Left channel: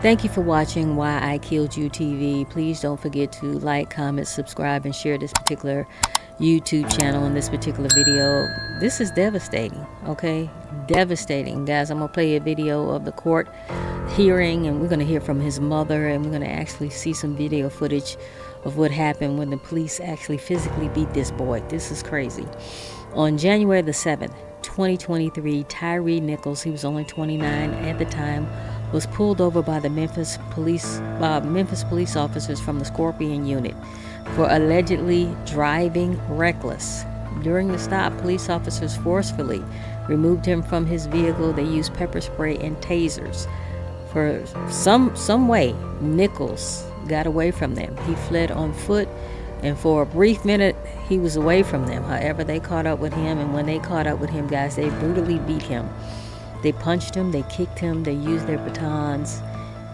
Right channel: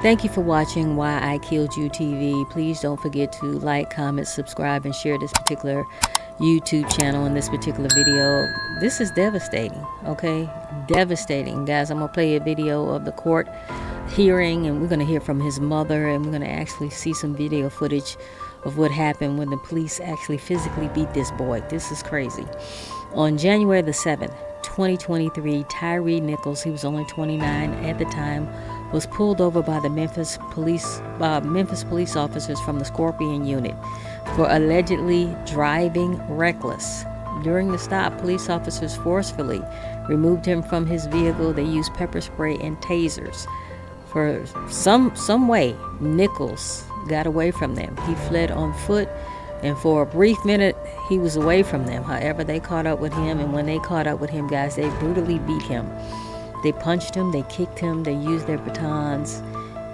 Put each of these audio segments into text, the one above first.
Thank you for watching Why I Killed You TV. Please don't forget to like, comment, subscribe, and share this particular YouTube channel and this particular video. This is devastating, okay? Devastating. Guys, I'm going to play a video of the court hearing, and we're going to hear from his mother, and we're going to actually see some video footage of what happened when the police actually physically beat this boy. This is crazy. On January the 7th, 2023, Tyre Nichols, he was only 29 at the time, was pulled over by the Memphis police officers from the Scorpion unit for allegedly driving reckless. During the stop, police officers forcefully removed him from his vehicle. They used pepper spray and tasers. For some way, Nichols got away from them. He fled on foot, and for a brief minute, he was away from them. However, they caught up with him, and when they caught up with him, guys, they brutally beat him. They punched him, they kicked him, they used their batons.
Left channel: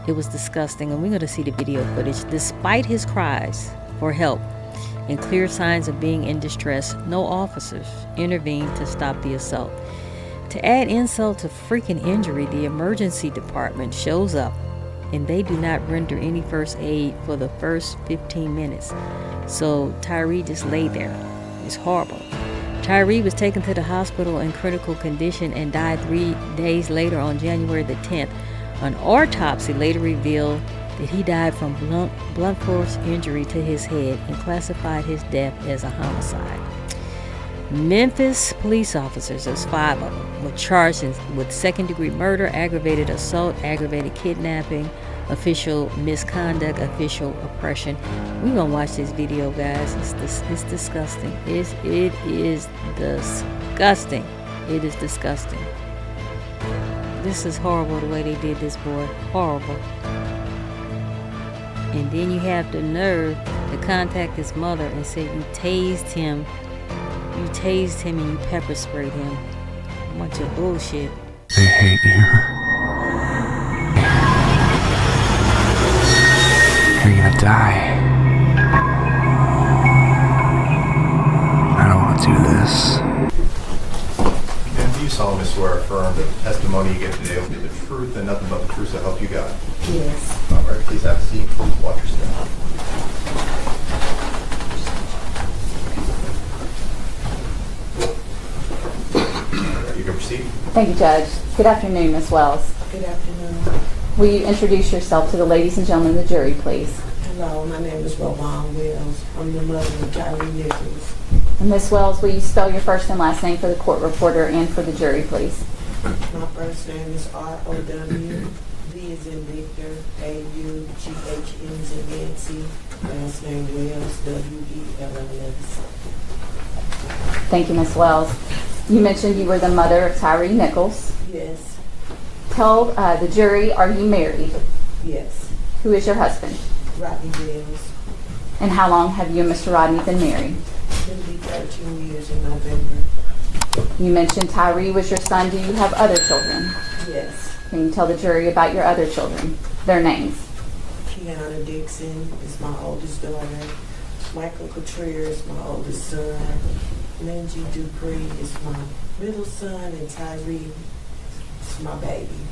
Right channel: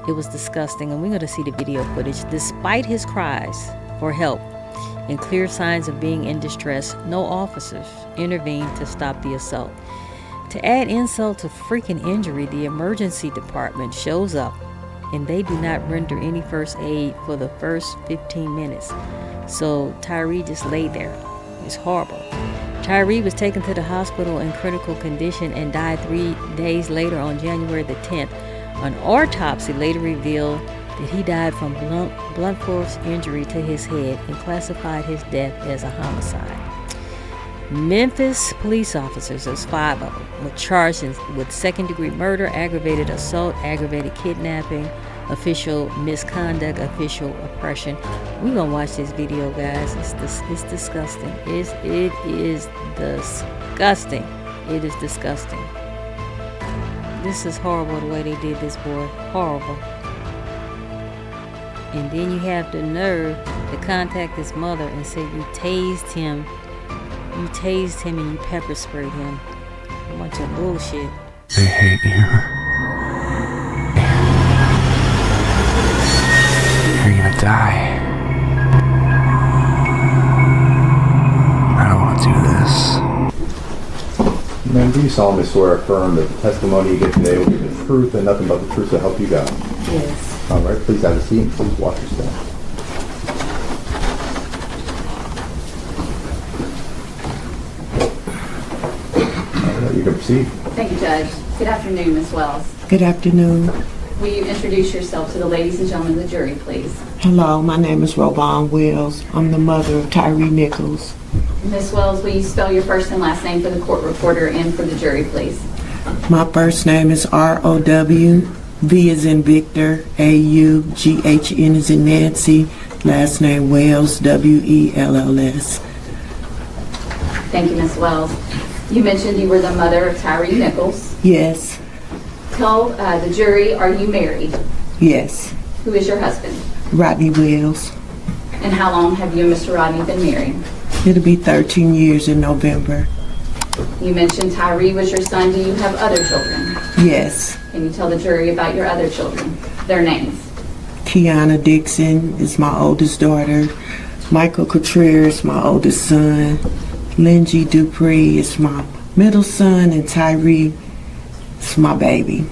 It was disgusting, and we're going to see the video footage. Despite his cries for help and clear signs of being in distress, no officers intervened to stop the assault. To add insult to freaking injury, the emergency department shows up, and they do not render any first aid for the first 15 minutes. So Tyre just lay there. It's horrible. Tyre was taken to the hospital in critical condition and died 3 days later on January the 10th. An autopsy later revealed that he died from blunt force injury to his head and classified his death as a homicide. Memphis police officers, there's 5 of them, were charged with second-degree murder, aggravated assault, aggravated kidnapping, official misconduct, official oppression. We're gonna watch this video, guys. It's disgusting. It is disgusting. It is disgusting. This is horrible, the way they did this boy. Horrible. And then you have the nerve to contact his mother and say you tased him. You tased him and you pepper sprayed him. A bunch of bullshit. They hate you. You're gonna die. I don't want to do this. Ma'am, do you solemnly swear or affirm that the testimony you give today will be the truth and nothing but the truth to help you God? Yes. All right, please have a seat and please watch your step. All right, you can proceed. Thank you, Judge. Good afternoon, Ms. Wells. Good afternoon. Will you introduce yourself to the ladies and gentlemen of the jury, please? Hello, my name is Robon Wells. I'm the mother of Tyre Nichols. Ms. Wells, will you spell your first and last name for the court reporter and for the jury, please? My first name is R-O-W, V as in Victor, A-U-G-H-N as in Nancy, last name Wells, W-E-L-L-S. Thank you, Ms. Wells. You mentioned you were the mother of Tyre Nichols. Yes, Tell the jury, are you married? yes. Who is your husband? Rodney Wells. And how long have you and Mr. Rodney been married? It'll be 13 years in November. You mentioned Tyre was your son. Do you have other children? Yes. Can you tell the jury about your other children, their names? Kiana Dixon is my oldest daughter. Michael Contreras is my oldest son. Lindsay Dupree is my middle son, and Tyre is my baby.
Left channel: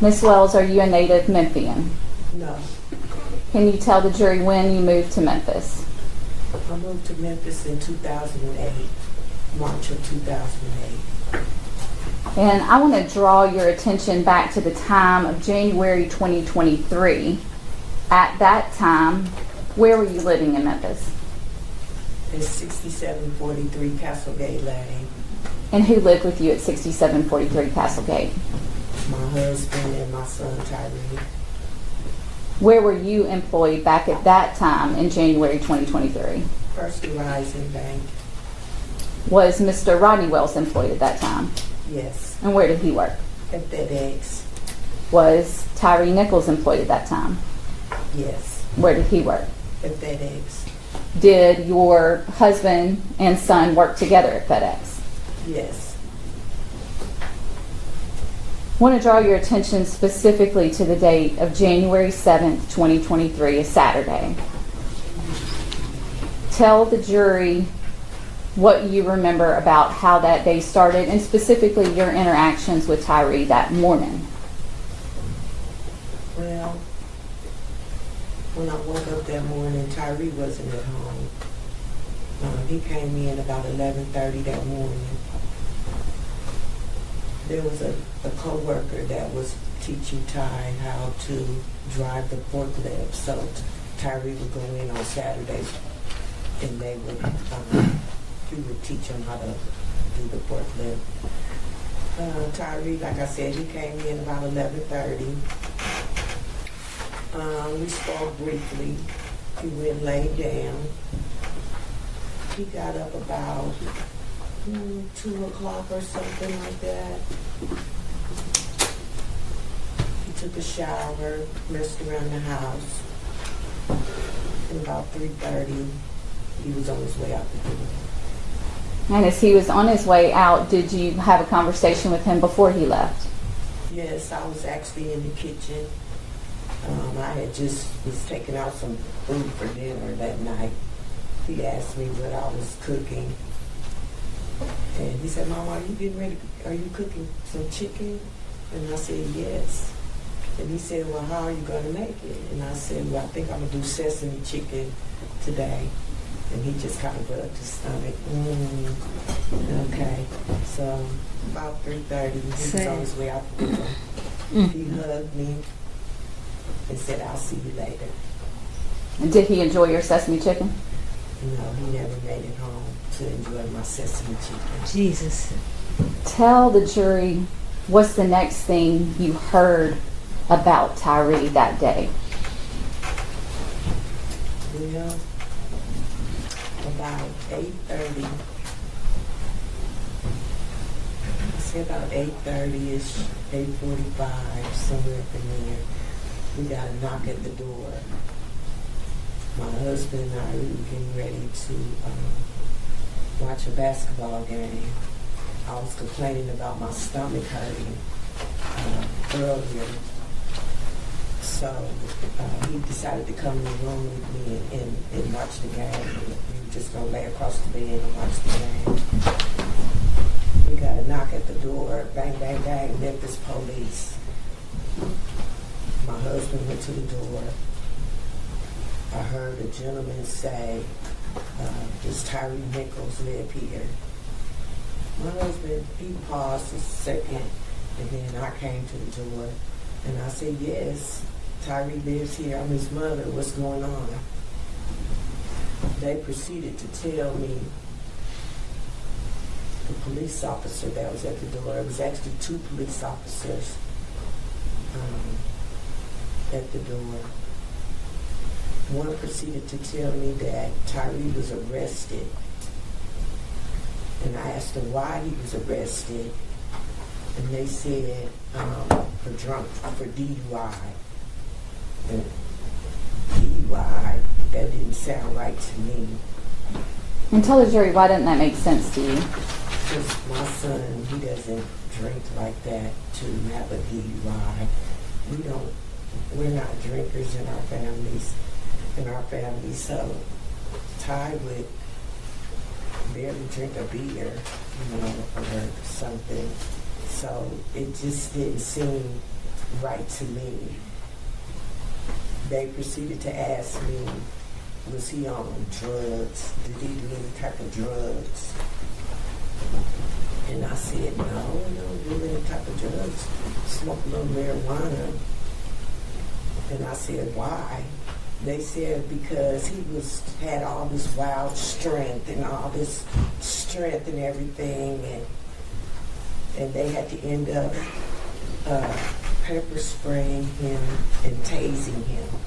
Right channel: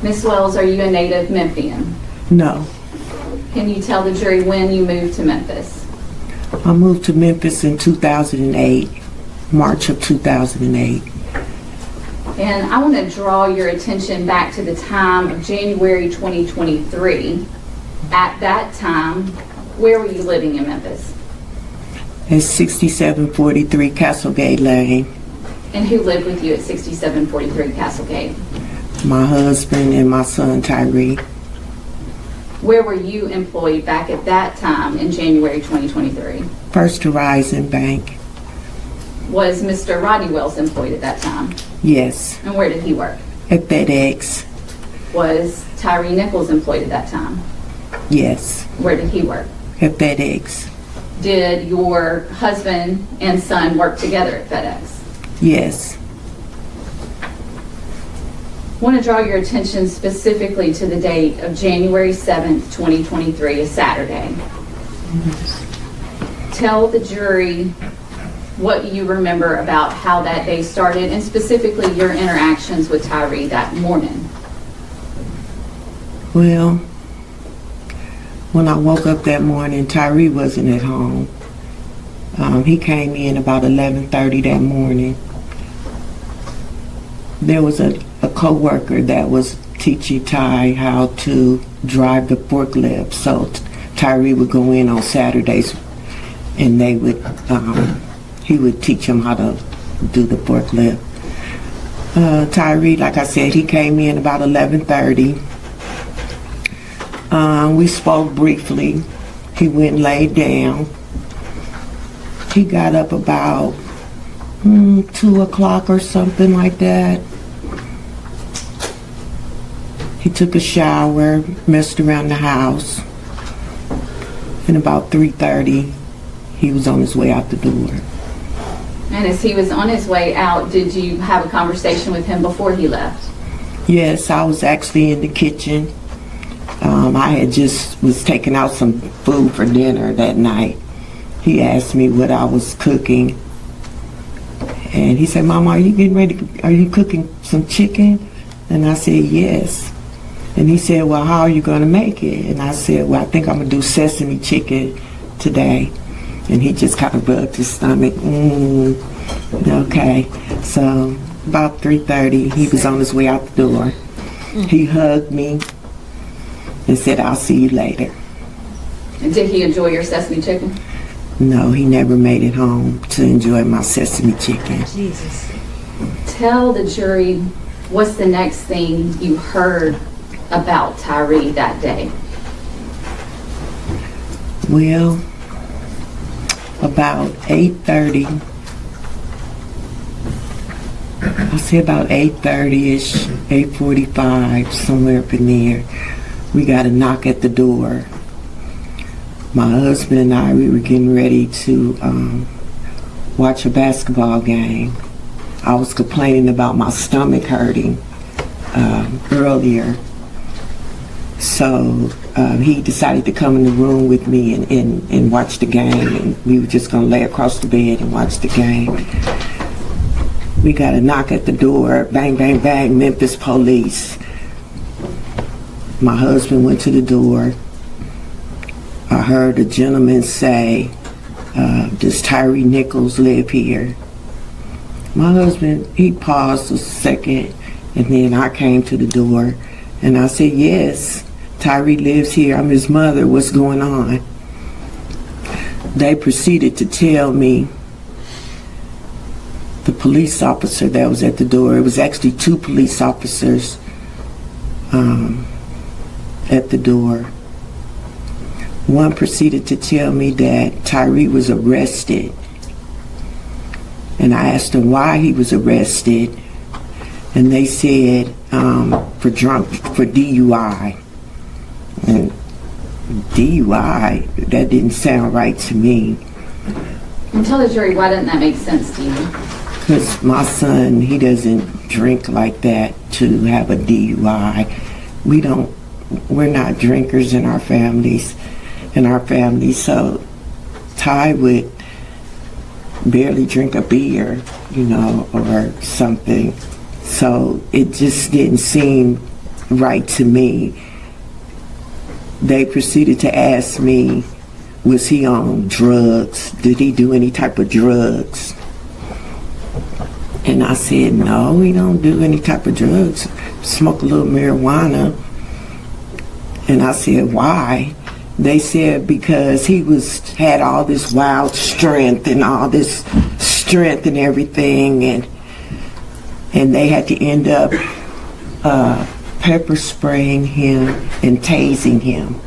Ms. Wells, are you a native Memphian? No. Can you tell the jury when you moved to Memphis? I moved to Memphis in 2008, March of 2008. And I want to draw your attention back to the time of January 2023. At that time, where were you living in Memphis? It's 6743 Castlegate Lane. And who lived with you at 6743 Castlegate? My husband and my son Tyre. Where were you employed back at that time in January 2023? First Horizon Bank. Was Mr. Rodney Wells employed at that time? Yes. And where did he work? At FedEx. Was Tyre Nichols employed at that time? Yes. Where did he work? At FedEx. Did your husband and son work together at FedEx? Yes. I want to draw your attention specifically to the date of January 7th, 2023, a Saturday. Tell the jury what you remember about how that day started and specifically your interactions with Tyre that morning. Well, when I woke up that morning, Tyre wasn't at home. He came in about 11:30 that morning. There was a co-worker that was teaching Ty how to drive the forklift. So Tyre would go in on Saturdays and they would, he would teach him how to do the forklift. Tyre, like I said, he came in about 11:30. We spoke briefly. He went and laid down. He got up about 2 o'clock or something like that. He took a shower, messed around the house, and about 3:30, he was on his way out the door. And as he was on his way out, did you have a conversation with him before he left? Yes, I was actually in the kitchen. I had just was taking out some food for dinner that night. He asked me what I was cooking, and he said, "Mama, are you getting ready? Are you cooking some chicken?" And I said, "Yes." And he said, "Well, how are you going to make it?" And I said, "Well, I think I'm going to do sesame chicken today." And he just kind of rubbed his stomach. Okay. So about 3:30, he was on his way out the door. He hugged me and said, "I'll see you later." And did he enjoy your sesame chicken? No, he never made it home to enjoy my sesame chicken. Jesus. Tell the jury what's the next thing you heard about Tyre that day. Well, about 8:30, I say about 8:30-ish, 8:45, somewhere up in there, we got a knock at the door. My husband and I, we were getting ready to watch a basketball game. I was complaining about my stomach hurting earlier. So he decided to come in the room with me and watch the game, and we were just going to lay across the bed and watch the game. We got a knock at the door, bang, bang, bang, Memphis police. My husband went to the door. I heard a gentleman say, "Does Tyre Nichols live here?" My husband, he paused a second, and then I came to the door, and I said, "Yes, Tyre lives here. I'm his mother. What's going on?" They proceeded to tell me, the police officer that was at the door, it was actually 2 police officers at the door. One proceeded to tell me that Tyre was arrested. And I asked him why he was arrested. And they said for DUI. And DUI, that didn't sound right to me. And tell the jury, why didn't that make sense to you? Because my son, he doesn't drink like that to have a DUI. We're not drinkers in our families. So Ty would barely drink a beer, or something. So it just didn't seem right to me. They proceeded to ask me, was he on drugs? Did he do any type of drugs? And I said, no, he don't do any type of drugs. Smoke a little marijuana. And I said, why? They said because he had all this wild strength and all this strength and everything, and they had to end up pepper spraying him and tasing him.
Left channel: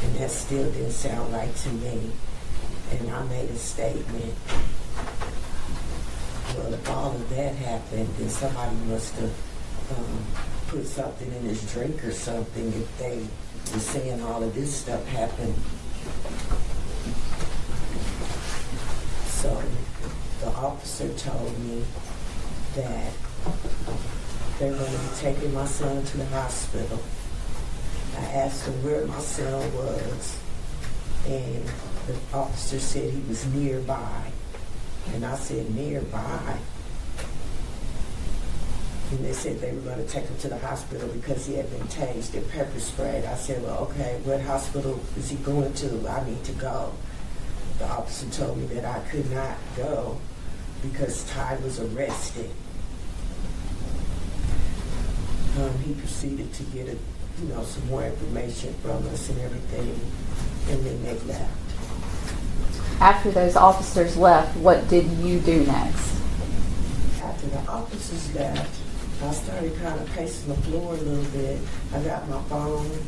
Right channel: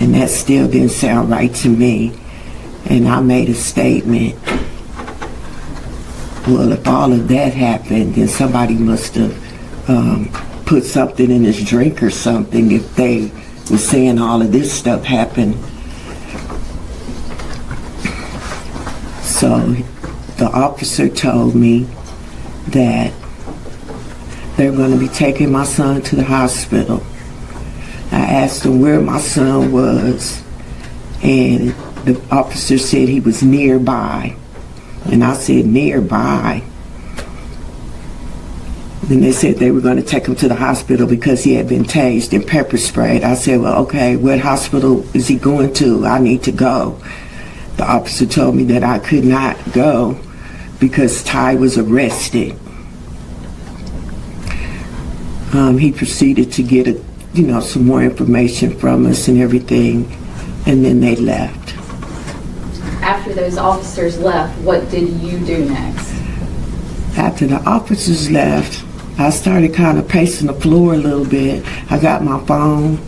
And that still didn't sound right to me. And I made a statement. Well, if all of that happened, then somebody must have put something in his drink or something if they were saying all of this stuff happened. So the officer told me that they're going to be taking my son to the hospital. I asked him where my son was, and the officer said he was nearby. And I said, nearby? Then they said they were going to take him to the hospital because he had been tased and pepper sprayed. I said, well, okay, what hospital is he going to? I need to go. The officer told me that I could not go because Ty was arrested. He proceeded to get some more information from us and everything, and then they left. After those officers left, what did you do next? After the officers left, I started kind of pacing the floor a little bit. I got my phone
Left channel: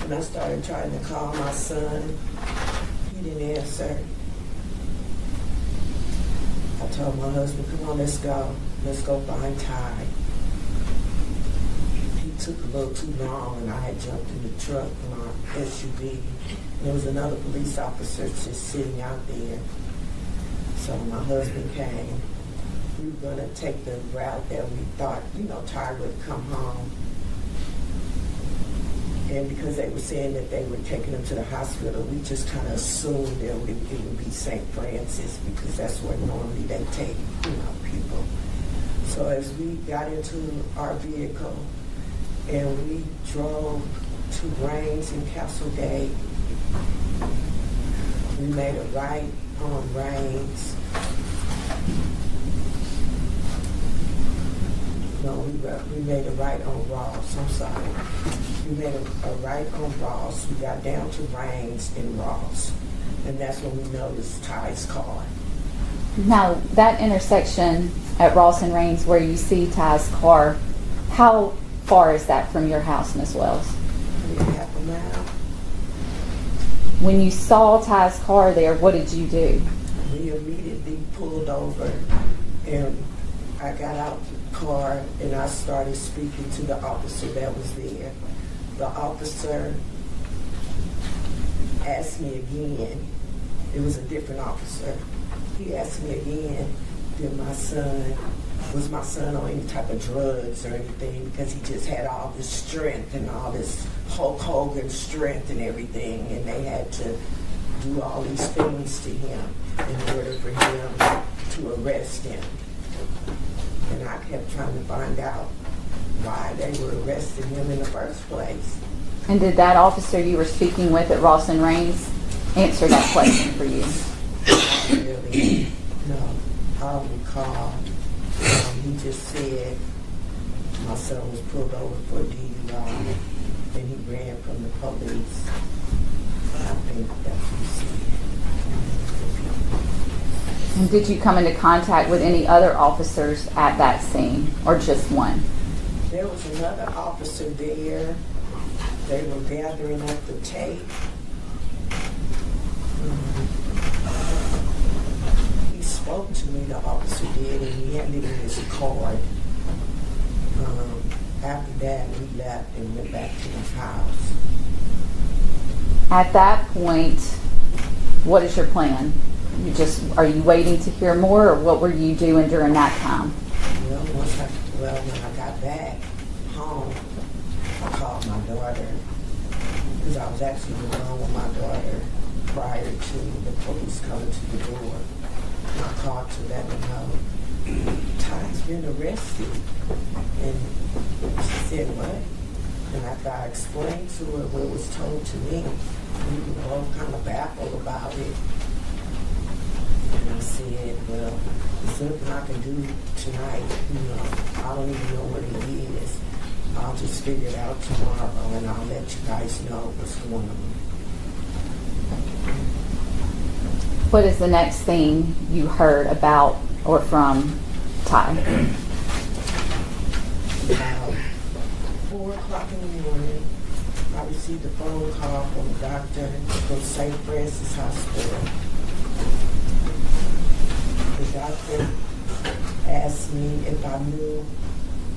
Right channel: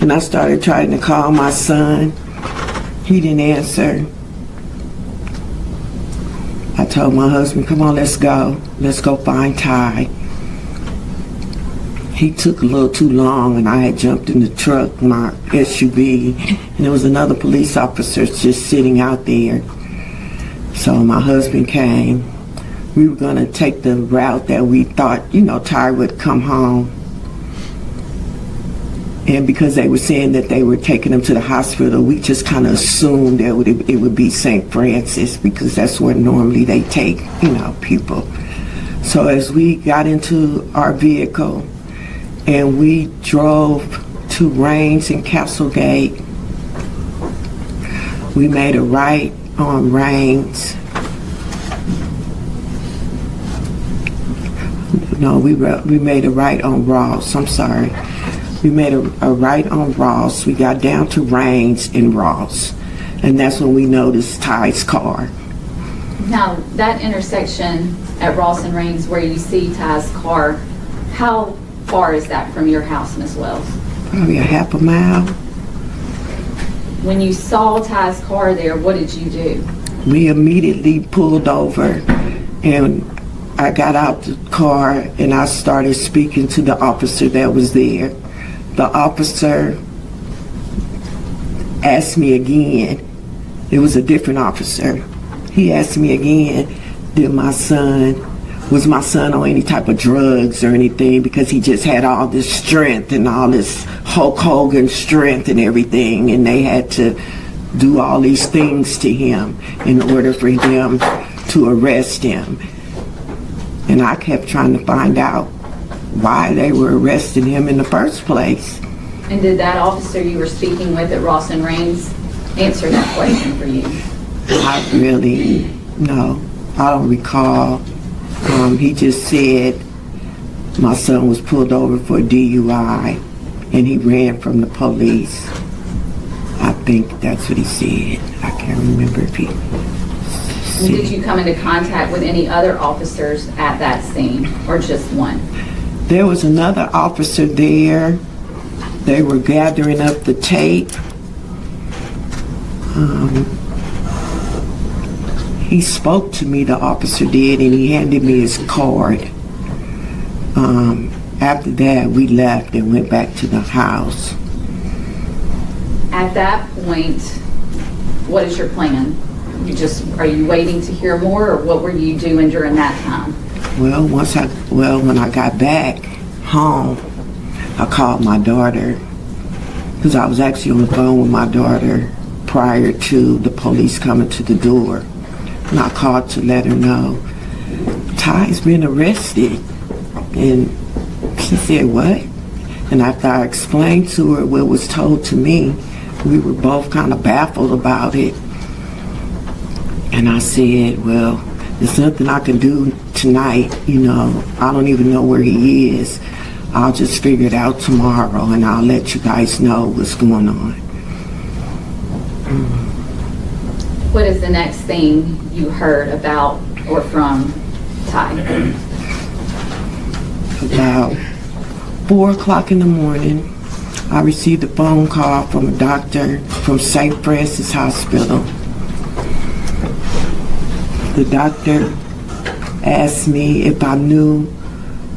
and I started trying to call my son. He didn't answer. I told my husband, come on, let's go. Let's go find Ty. He took a little too long and I had jumped in the truck, my SUV, and there was another police officer just sitting out there. So my husband came. We were going to take the route that we thought, Tyre would come home. And because they were saying that they were taking him to the hospital, we just kind of assumed that it would be St. Francis because that's where normally they take, people. So as we got into our vehicle and we drove to Rains and Castlegate, we made a right on Rains. No, we made a right on Ross. I'm sorry. We made a right on Ross. We got down to Rains and Ross. And that's when we noticed Ty's car. Now, that intersection at Ross and Rains where you see Ty's car, how far is that from your house, Ms. Wells? Probably a half a mile. When you saw Ty's car there, what did you do? We immediately pulled over and I got out the car and I started speaking to the officer that was there. The officer asked me again. It was a different officer. He asked me again, was my son on any type of drugs or anything, because he just had all this strength and all this Hulk Hogan strength and everything, and they had to do all these things to him in order for them to arrest him. And I kept trying to find out why they were arresting him in the first place. And did that officer you were speaking with at Ross and Rains answer that question for you? No, I don't recall. He just said my son was pulled over for a DUI and he ran from the police. I think that's what he said. I can't remember if he And did you come into contact with any other officers at that scene, or just one? There was another officer there. They were gathering up the tape. He spoke to me, the officer did, and he handed me his card. After that, we left and went back to the house. At that point, what is your plan? Are you waiting to hear more, or what were you doing during that time? Well, when I got back home, I called my daughter, because I was actually on the phone with my daughter prior to the police coming to the door. And I called to let her know, Ty's been arrested. And she said, what? And after I explained to her what was told to me, we were both kind of baffled about it. And I said, well, there's nothing I can do tonight, I don't even know where he is. I'll just figure it out tomorrow and I'll let you guys know what's going on. What is the next thing you heard about or from Ty? About 4 o'clock in the morning, I received a phone call from a doctor from St. Francis Hospital. The doctor asked me if I knew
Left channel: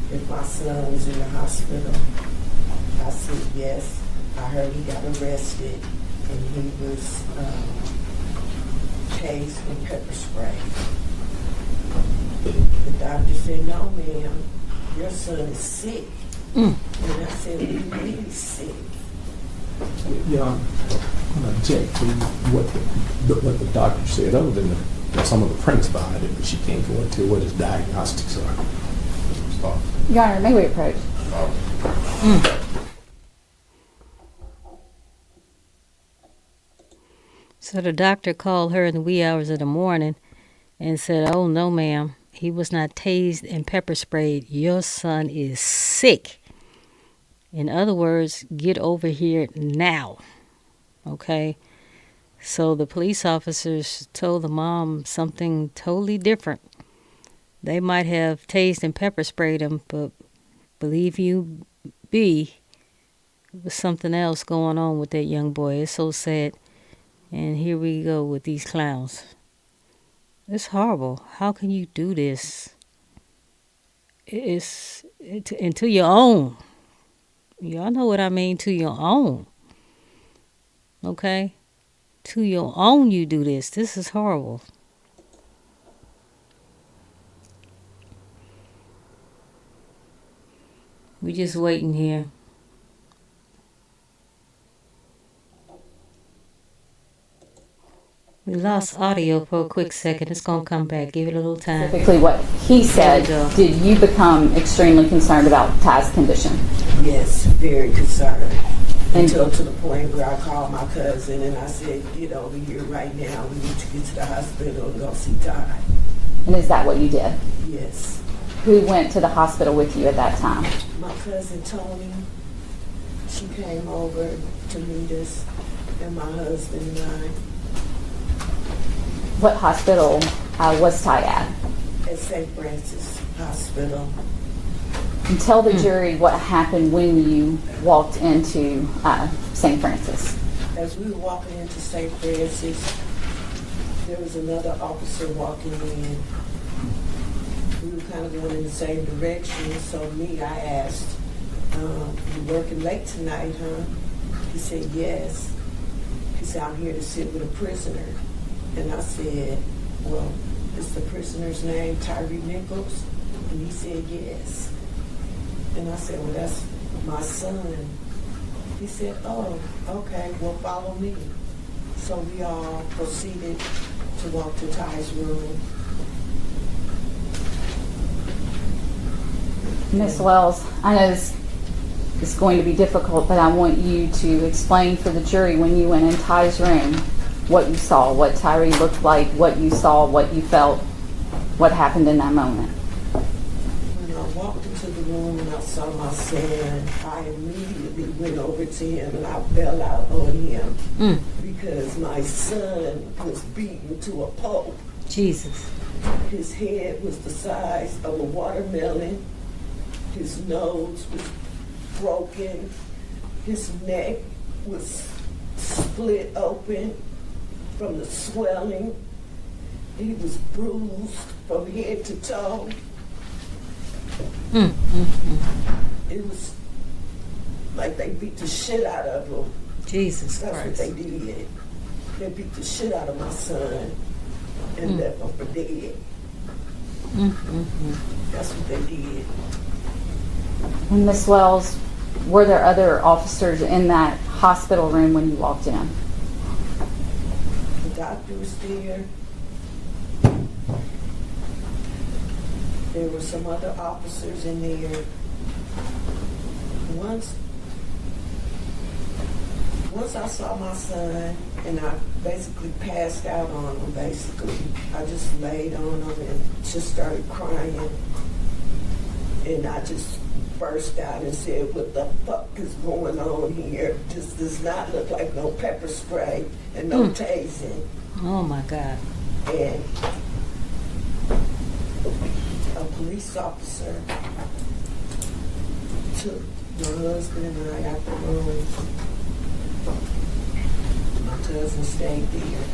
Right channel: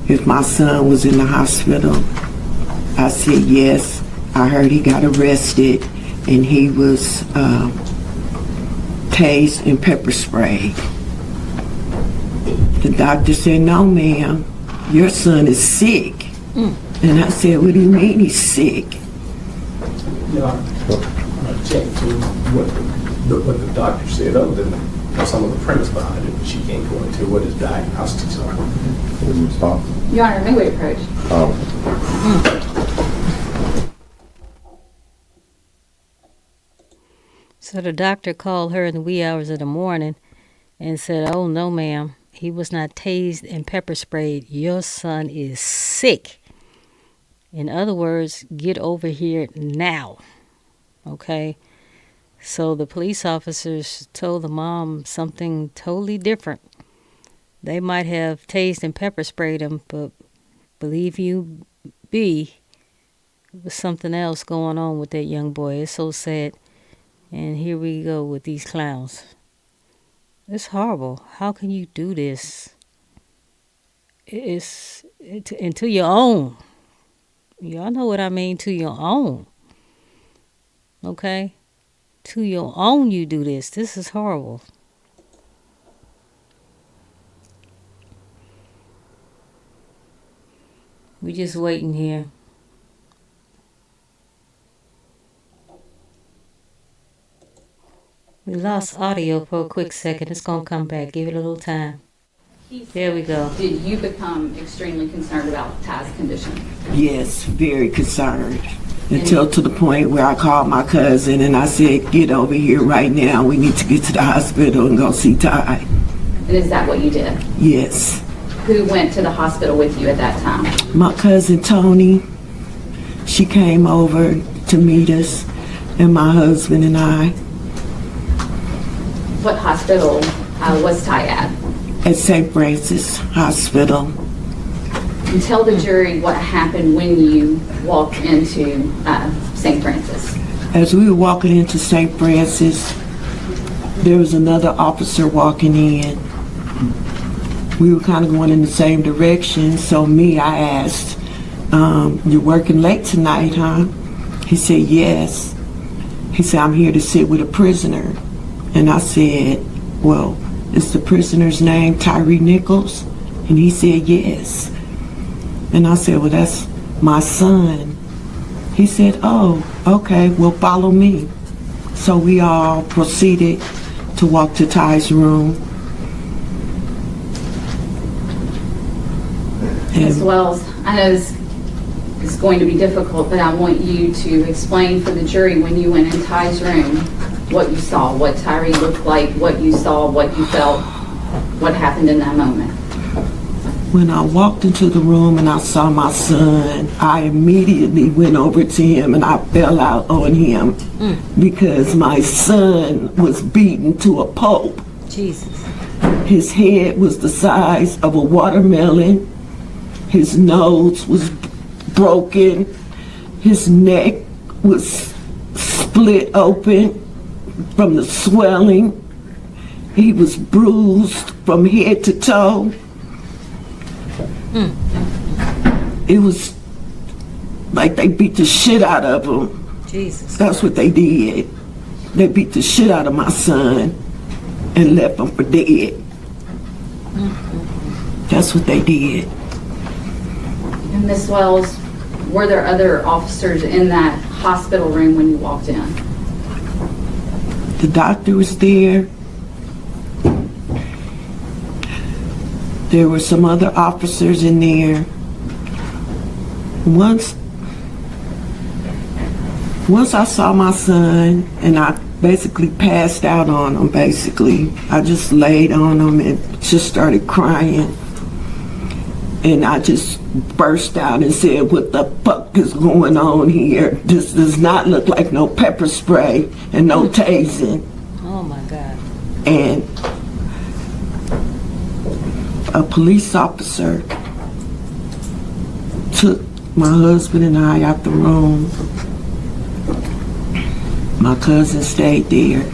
if my son was in the hospital. I said yes. I heard he got arrested and he was tased and pepper sprayed. The doctor said, no ma'am, your son is sick. And I said, what do you mean he's sick? Yeah, I checked to what the doctor said, other than some of the premise behind it, she can't go into what his diagnostics are. In response? Your Honor, may we approach? So the doctor called her in the wee hours of the morning and said, "Oh, no, ma'am. He was not tased and pepper sprayed. Your son is sick. In other words, get over here now." Okay? So the police officers told the mom something totally different. They might have tased and pepper sprayed him, but believe you be, there was something else going on with that young boy. It's so sad. And here we go with these clowns. It's horrible. How can you do this? And to your own. Y'all know what I mean, to your own. Okay? To your own you do this. This is horrible. We just waiting here. We lost audio for a quick second. It's going to come back. Give it a little time. Specifically what he said. There we go. Did you become extremely concerned about Ty's condition? Yes, very concerned. Until to the point where I called my cousin and I said, "Get over here right now. We need to get to the hospital and go see Ty." And is that what you did? Yes. Who went to the hospital with you at that time? My cousin Tony, she came over to meet us, and my husband and I. What hospital was Ty at? At St. Francis Hospital. And tell the jury what happened when you walked into St. Francis. As we were walking into St. Francis, there was another officer walking in. We were kind of going in the same direction, so I asked, "You're working late tonight, huh?" He said, "Yes." He said, "I'm here to sit with a prisoner." And I said, "Well, is the prisoner's name Tyre Nichols?" And he said, "Yes." And I said, "Well, that's my son." He said, "Oh, okay, well, follow me." So we all proceeded to walk to Ty's room. Ms. Wells, I know this is going to be difficult, but I want you to explain for the jury when you went in Ty's room what you saw, what Tyre looked like, what you saw, what you felt, what happened in that moment. When I walked into the room and I saw my son, I immediately went over to him and I fell out on him because my son was beaten to a pulp. Jesus. His head was the size of a watermelon. His nose was broken. His neck was split open from the swelling. He was bruised from head to toe. It was like they beat the shit out of him. Jesus That's what they did. They beat the shit out of my son and left him for dead. That's what they did. And Ms. Wells, were there other officers in that hospital room when you walked in? The doctor was there. There were some other officers in there. Once I saw my son and I basically passed out on him, basically. I just laid on him and just started crying. And I just burst out and said, "What the fuck is going on here? This does not look like no pepper spray and no tasing." Oh my God. And a police officer took my husband and I out the room. My cousin stayed there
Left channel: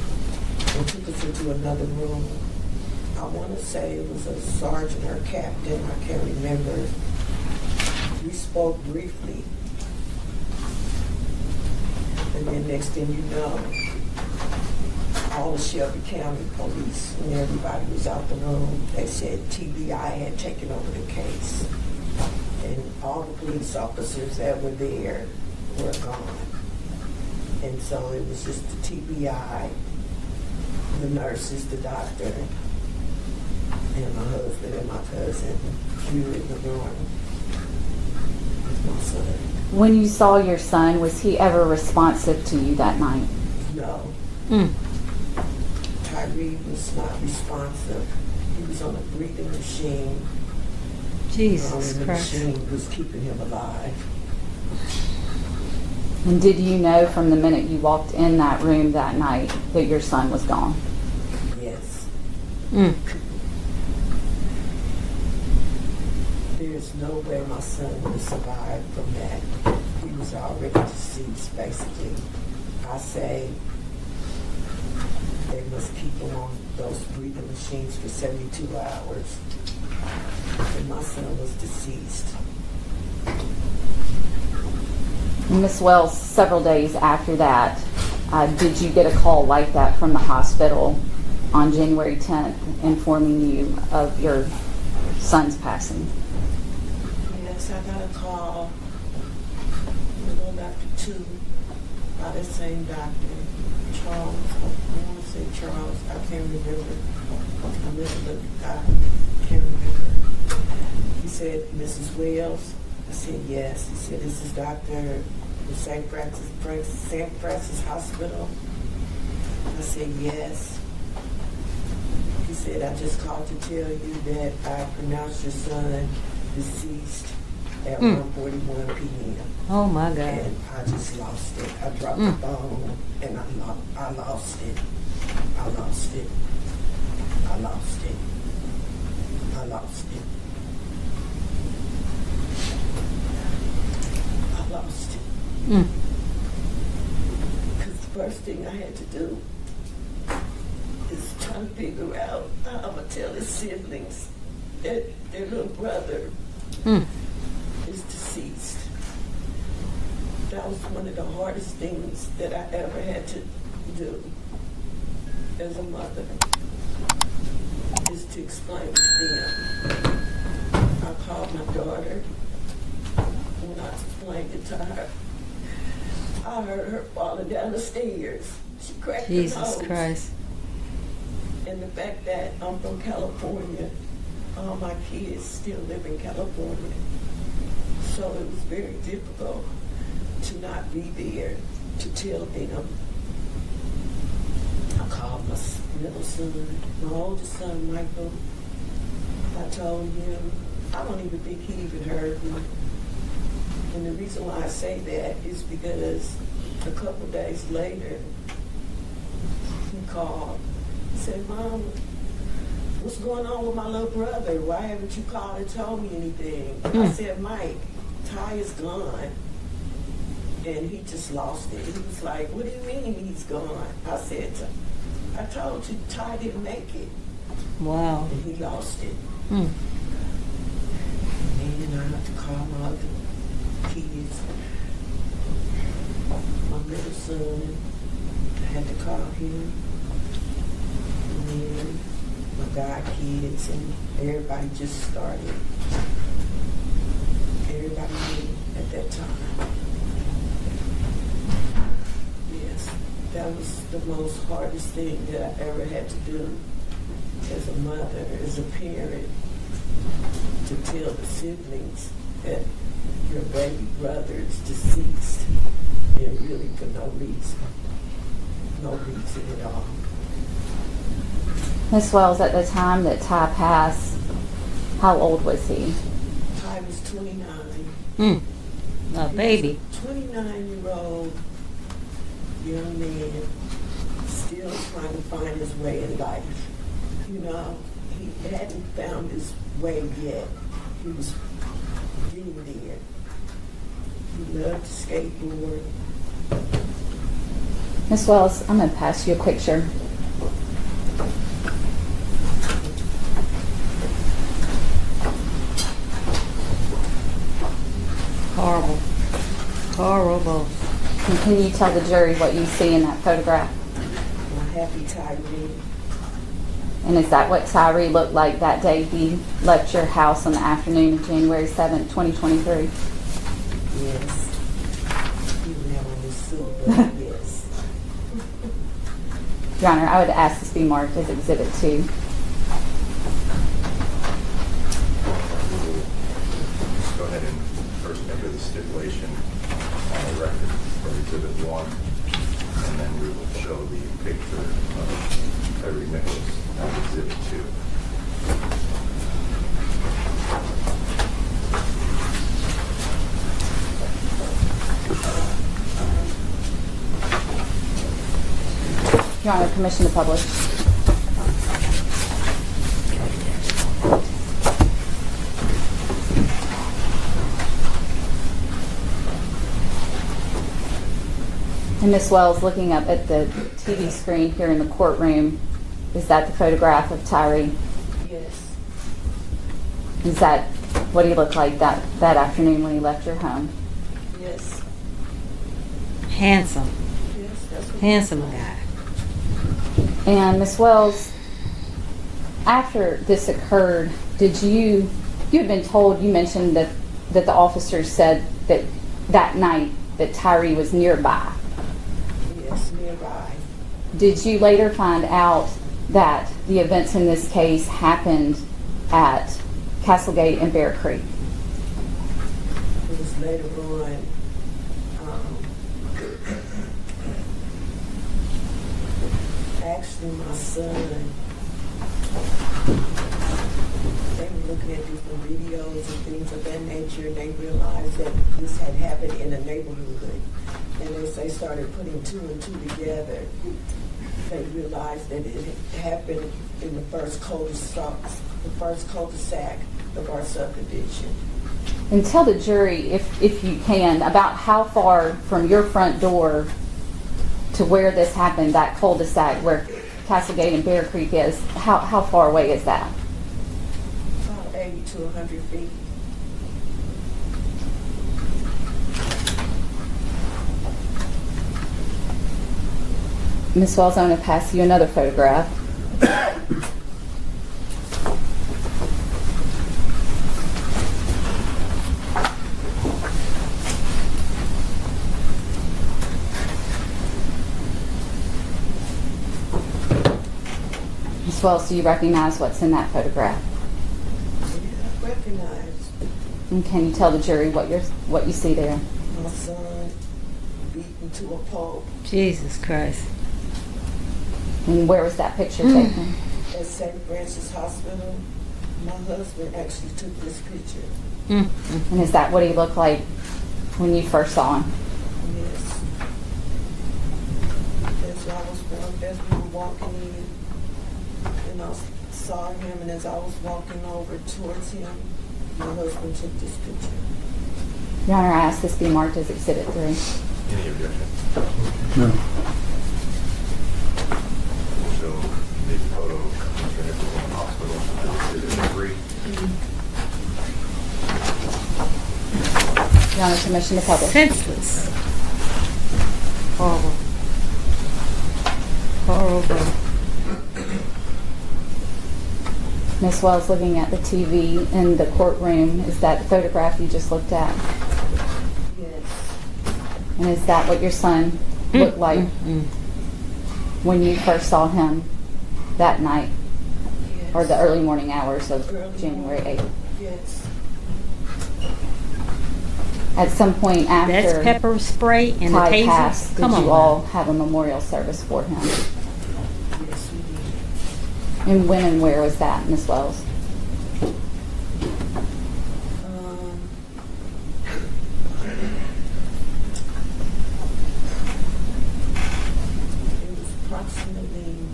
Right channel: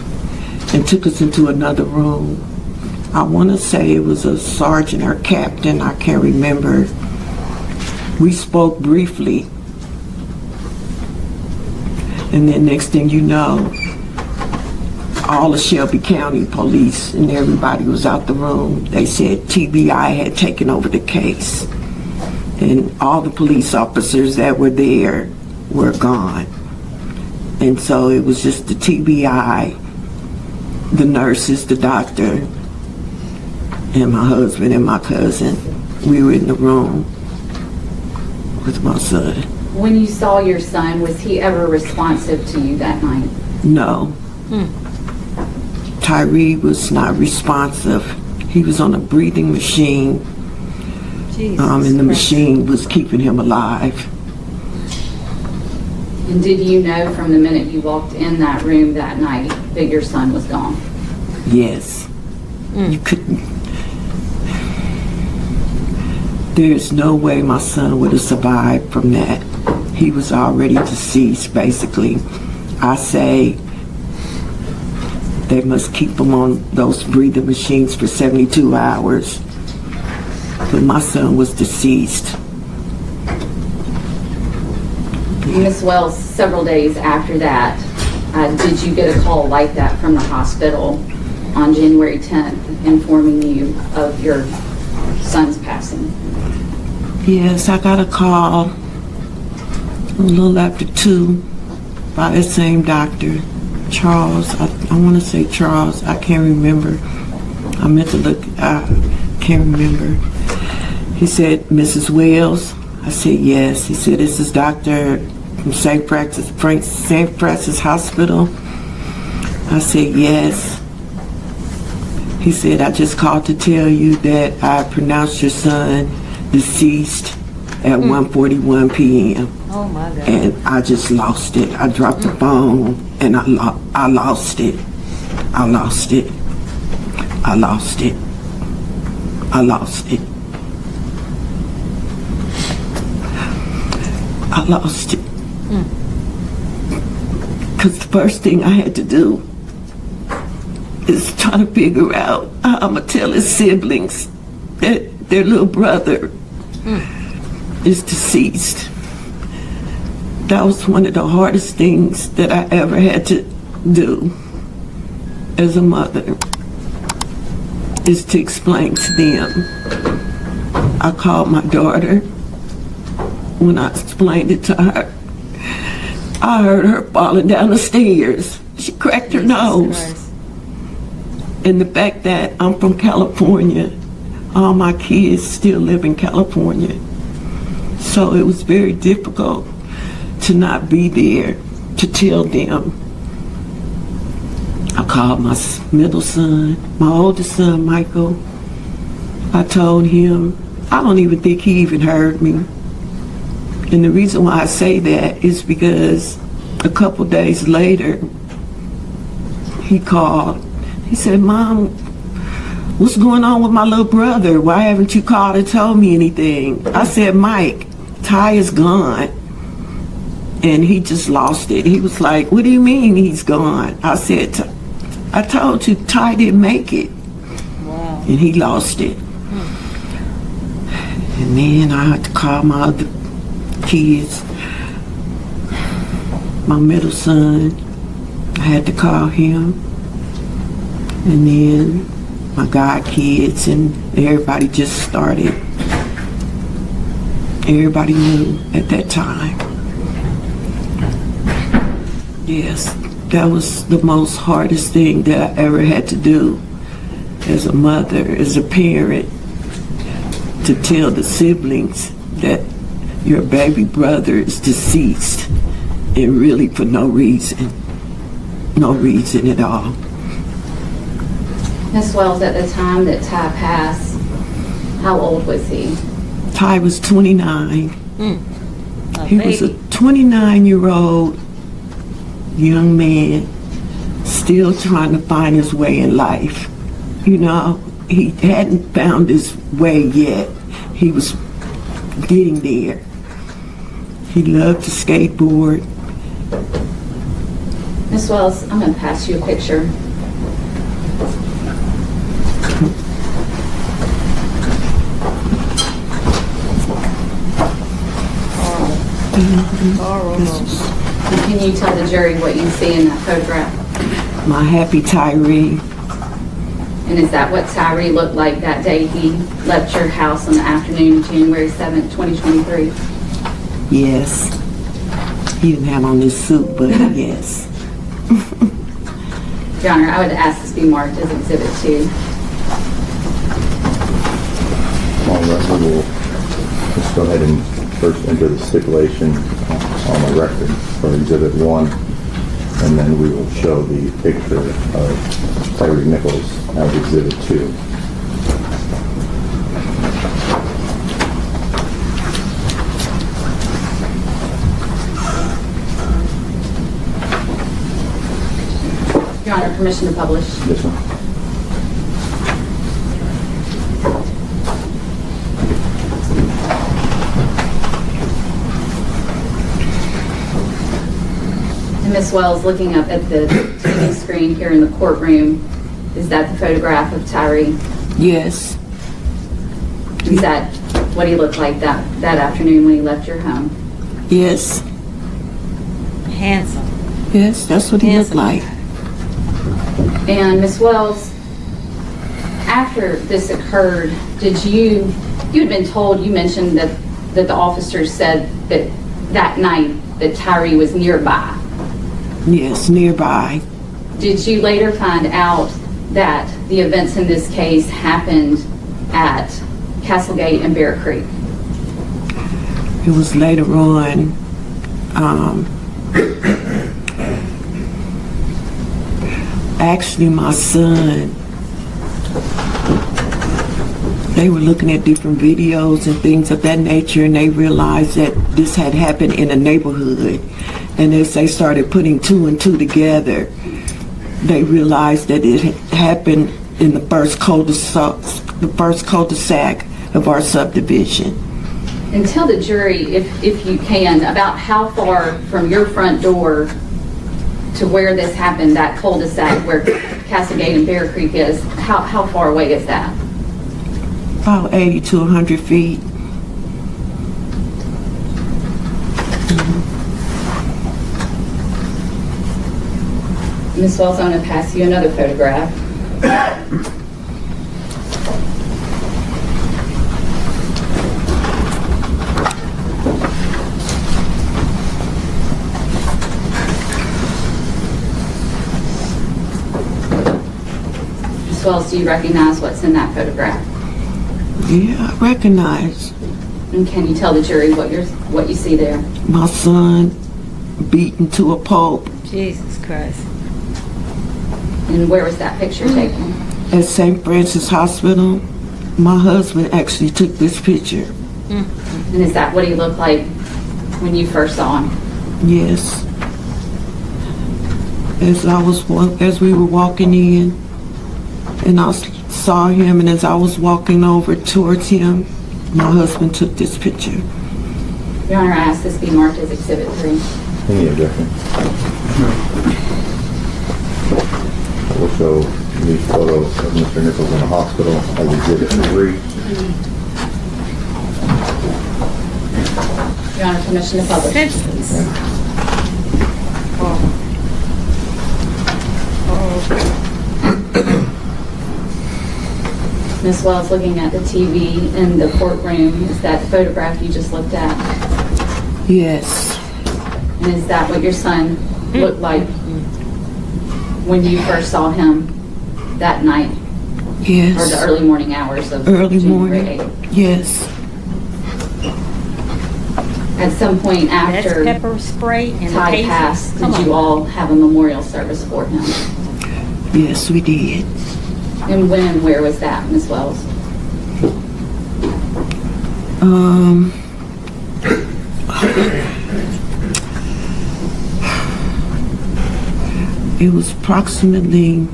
and took us into another room. I want to say it was a sergeant or captain, I can't remember. We spoke briefly. And then next thing you know, all the Shelby County police and everybody was out the room. They said TBI had taken over the case. And all the police officers that were there were gone. And so it was just the TBI, the nurses, the doctor, and my husband and my cousin. we were in the room with my son. When you saw your son, was he ever responsive to you that night? No. Tyre was not responsive. He was on a breathing machine, Jesus and the Christ. machine was keeping him alive. And did you know from the minute you walked in that room that night that your son was gone? Yes. You couldn't. There's no way my son would have survived from that. He was already deceased, basically. I say they must keep him on those breathing machines for 72 hours. But my son was deceased. Ms. Wells, several days after that, did you get a call like that from the hospital on January 10th informing you of your son's passing? Yes, I got a call a little after 2 by the same doctor, Charles. I want to say Charles. I can't remember. I meant to look. I can't remember. He said, Mrs. Wells. I said, yes. He said, this is Dr. from St. Francis Hospital. I said, yes. He said, I just called to tell you that I pronounced your son deceased at 1:41 p.m. Oh my God. And I just lost it. I dropped the phone and I lost it. I lost it. I lost it. I lost it. I lost it. Because the first thing I had to do is try to figure out how I'm going to tell his siblings that their little brother is deceased. That was one of the hardest things that I ever had to do as a mother, is to explain to them. I called my daughter. When I explained it to her, I heard her falling down the stairs. She cracked her nose. Christ. And the fact that I'm from California, all my kids still live in California. So it was very difficult to not be there to tell them. I called my middle son, my oldest son, Michael. I told him, I don't even think he even heard me. And the reason why I say that is because a couple days later, he called. He said, Mom, what's going on with my little brother? Why haven't you called and told me anything? I said, Mike, Ty is gone. And he just lost it. He was like, what do you mean he's gone? I said, I told you Ty didn't make it. Wow. And he lost it. And then I had to call my other kids. My middle son, I had to call him. And then my god kids, and everybody just started. Everybody knew at that time. Yes, that was the most hardest thing that I ever had to do as a mother, as a parent, to tell the siblings that your baby brother is deceased, and really for no reason at all. Ms. Wells, at the time that Ty passed, how old was he? Ty was 29. A He was a baby. 29-year-old young man still trying to find his way in life. You know, he hadn't found his way yet. He was getting there. He loved to skateboard. Ms. Wells, I'm going to pass you a picture. Horrible. Horrible. And can you tell the jury what you see in that photograph? My happy Tyre. And is that what Tyre looked like that day he left your house on the afternoon of January 7th, 2023? Yes. He didn't have on his suit, but yes. Your Honor, I would ask this be marked as Exhibit 2. All right, we'll just go ahead and first enter the stipulation on the record for Exhibit 1, and then we will show the picture of Tyre Nichols as Exhibit 2. Your Honor, permission to publish. Yes, ma'am. And Ms. Wells, looking up at the TV screen here in the courtroom, is that the photograph of Tyre? Yes. Is that what he looked like that afternoon when he left your home? Yes. Handsome. Yes, that's what he looked Handsome like. guy. And Ms. Wells, after this occurred, you had been told, you mentioned that the officers said that night that Tyre was nearby. Yes, nearby. Did you later find out that the events in this case happened at Castlegate and Bear Creek? It was later on. Actually, my son, they were looking at different videos and things of that nature, and they realized that this had happened in a neighborhood. And as they started putting two and two together, they realized that it happened in the first cul-de-sac of our subdivision. And tell the jury, if you can, about how far from your front door to where this happened, that cul-de-sac where Castlegate and Bear Creek is, how far away is that? About 80 to 100 feet. Ms. Wells, I'm going to pass you another photograph. Ms. Wells, do you recognize what's in that photograph? Yeah, I recognize And can you tell the jury what you see there? my son beaten to a pulp Jesus Christ. And where was that picture taken? at St. Francis Hospital. My husband actually took this picture. And is that what he looked like when you first saw him? Yes. As we were walking in, and I saw him, and as I was walking over towards him, my husband took this picture. Your Honor, I ask this be marked as Exhibit 3. Any objection? We'll show these photos of Mr. Nichols in the hospital as Exhibit 3. Your Honor, permission to publish. Senseless. Horrible. Horrible. Ms. Wells, looking at the TV in the courtroom, is that photograph you just looked at? Yes. And is that what your son looked like when you first saw him that night? Yes. Or the early morning hours of Early January morning. 8th? Yes. At some point That's after pepper spray and the Ty passed, taser. did Come you on. all have a memorial service for him? Yes, we did. And when and where was that, Ms. Wells? It was approximately,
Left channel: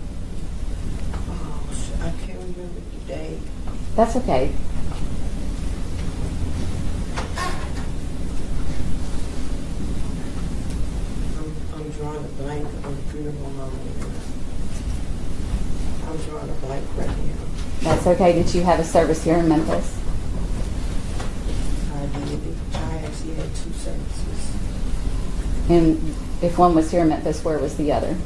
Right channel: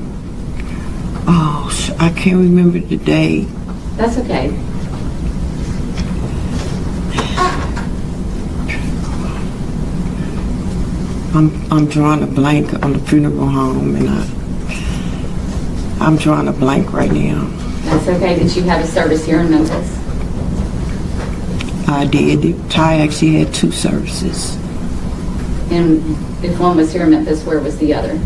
I can't remember the day. That's okay. I'm drawing a blank on the funeral home, and I'm drawing a blank right now. That's okay. Did you have a service here in Memphis? I did. Ty actually had 2 services. And if one was here in Memphis, where was the other?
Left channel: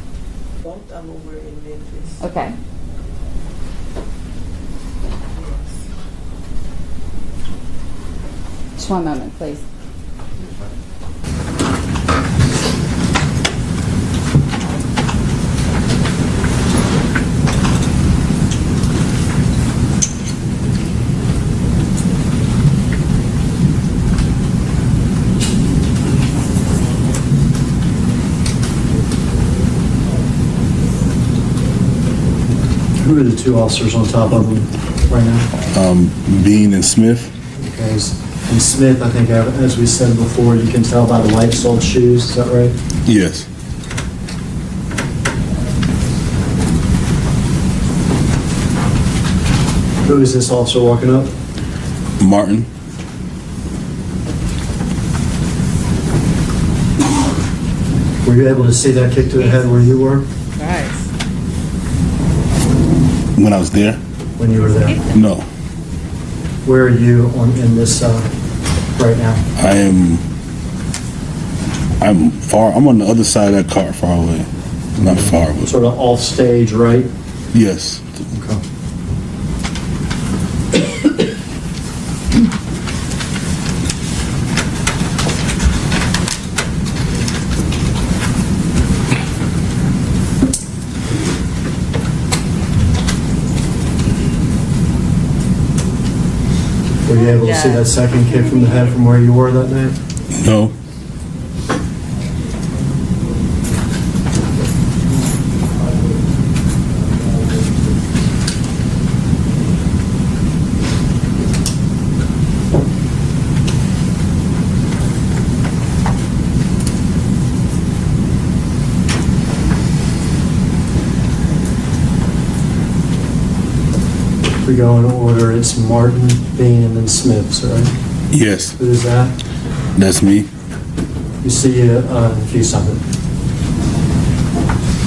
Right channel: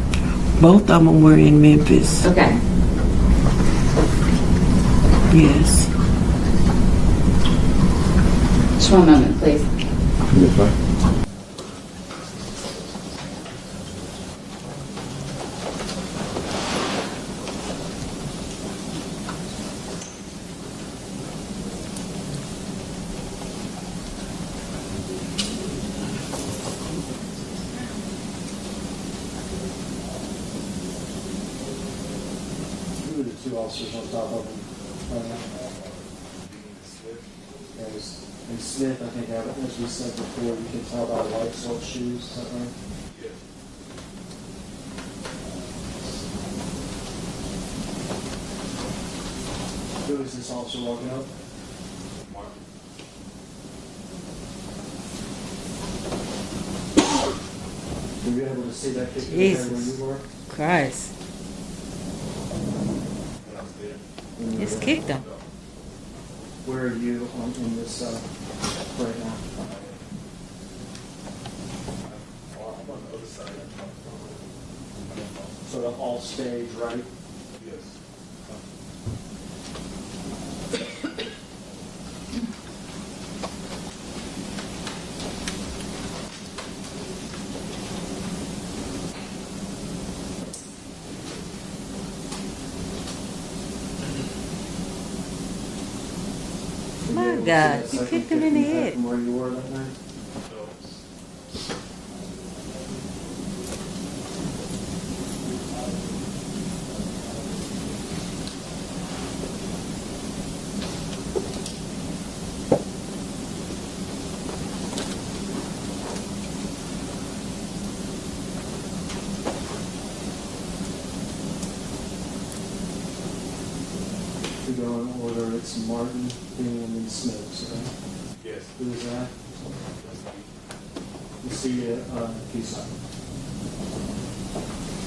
Both of them were in Memphis. Okay. Yes. Just one moment, please. Yes, ma'am. Who are the two officers on top of him right now? Bean and Smith. Okay, and Smith, I think, as we said before, you can tell by the white-soled shoes. Is that right? Yes. Who is this officer walking up? Martin. Were you able to see that kick to the head where you were? Christ. When I was there? When you were there? Kicked him. No. Where are you in this right now? I'm far. I'm on the other side of that car, far away. Not far, but Sort of off stage, right? yes. Okay. Were you able to see that second kick from the head from where you were that night? No. We go in order. It's Martin, Bean, and then Smith, right? Yes. Who is that? That's me. You see if you stop it.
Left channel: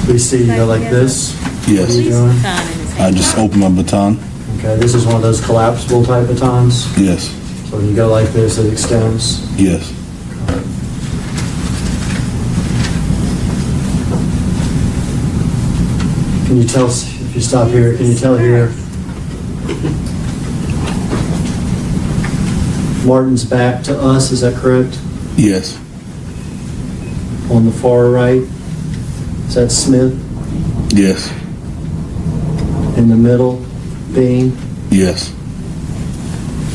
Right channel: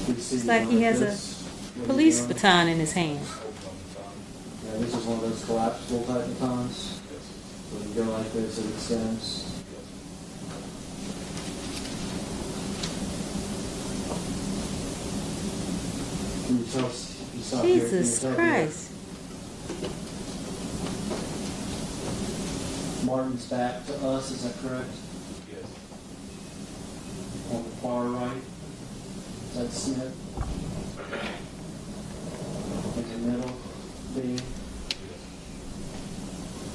We see you Like go like he has this. Yes. Police doing? baton in his I hand. just opened my baton. Okay, this is one of those collapsible type batons. Yes. So when you go like this, it extends. Yes. Can you tell if you stop here? Can you Jesus tell here? Christ. Martin's back to us. Is that correct? Yes. On the far right, is that Smith? Yes. In the middle, Bean. Yes.